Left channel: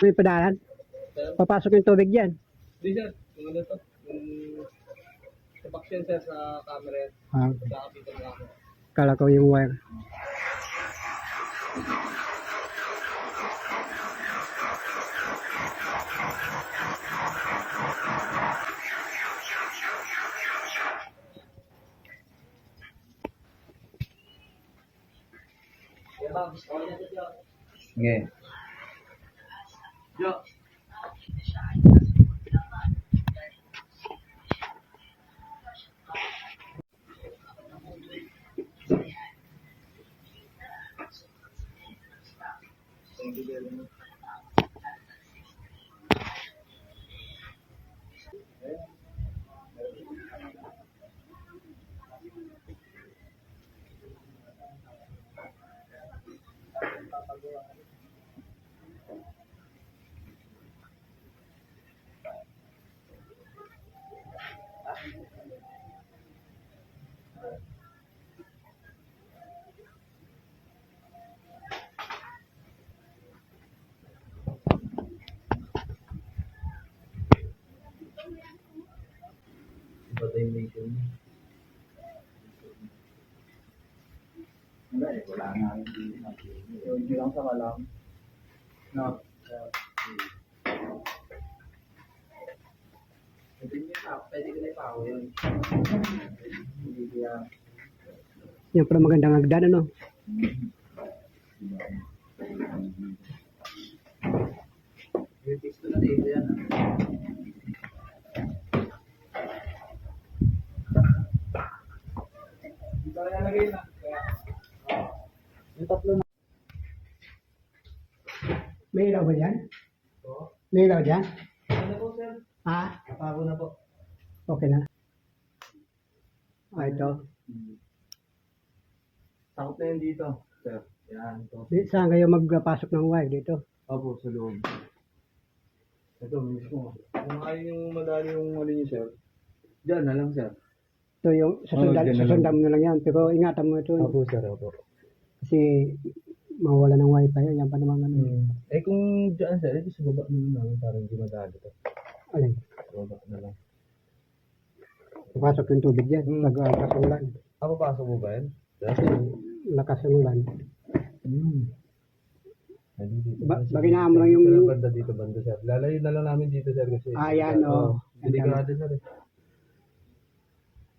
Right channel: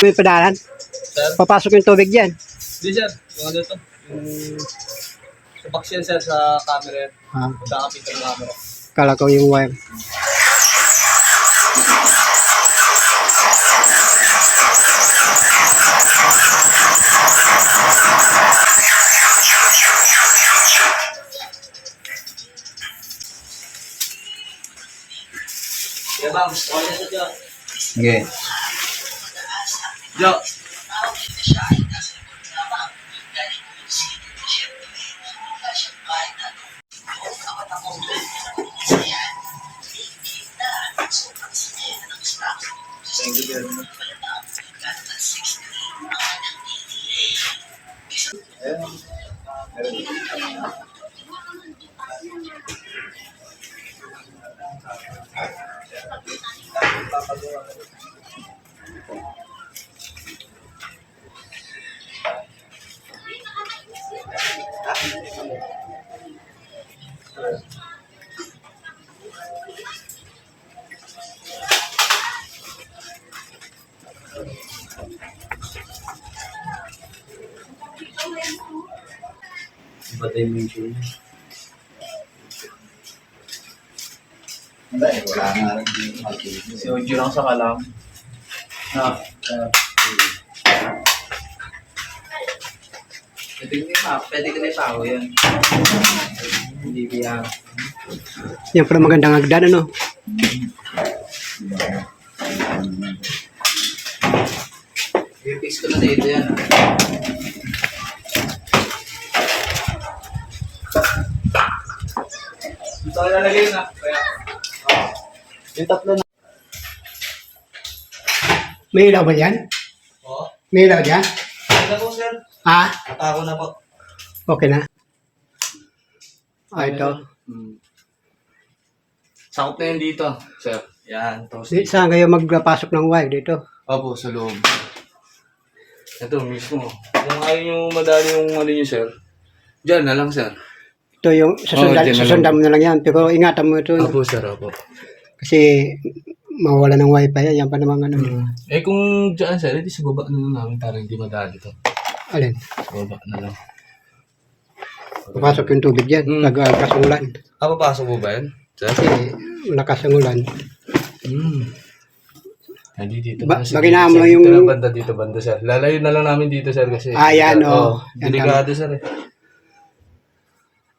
May padalan. Sir? Papasok yung tubig dyan. Hindi sir, yung ano to? Yung sa box yan sir sa camera yan. Kakapit yung camera. Kala ko yung wire. Yeah bang, okay na sa Jo. Sige. Jo. Thank you very much. Iba dimension. Hindi, wala nga rin dito. Si Ojo lang sa kalam. Pwede ka na ipago yan. Hindi kaya. Yan pala magandang hagdan, ano? I-fix ko na dito yan. Dito ko nalagay na. Kaya. Yung tatlo na. May ilaw ba yan? Oo. May ilaw dyan? Ano na po sir? Ha? Ako na po. Okay na. Ito. Sakop na yun dito, sir. Yan, tapos Saan kayo magpasok ng wire dito? Opo, sa loob. Ito mismo. Kung ayaw nyo madali yung ano nyo, sir, dyan na lang, sir. Ito yung dyan na susundan mo na lang yan. Pero ingatan mo ito. Opo, sir, opo. Kasi mawala ng wifi yan. Yan pa naman ano. Eh kung dyan, sir, edi sa baba na lang namin para hindi madali ito. Alin? Sa baba na lang. Papasok yung tubig yan. Naglakas ang ulan. Papasok mo ba yan, sir? Kasi lakas ang ulan. Hindi dito. Baginahan mo yung... Dito na banda, dito banda, sir. Lalayo na lang namin dito, sir, kasi... Yan, oo. Yan Delikado, sir, eh.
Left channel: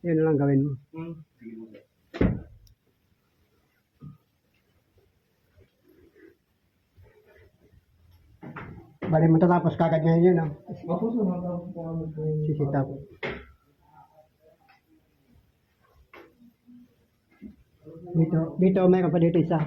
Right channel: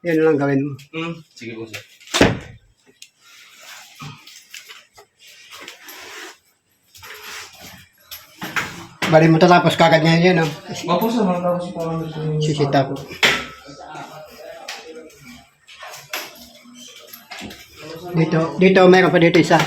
Yan na lang gawin mo. Sige po, sir. Bali mo tatapos kagad ngayon yan, no? Opo, sir. Matapos po kami sa... Sisita ko. Dito mayroon pa dito isa.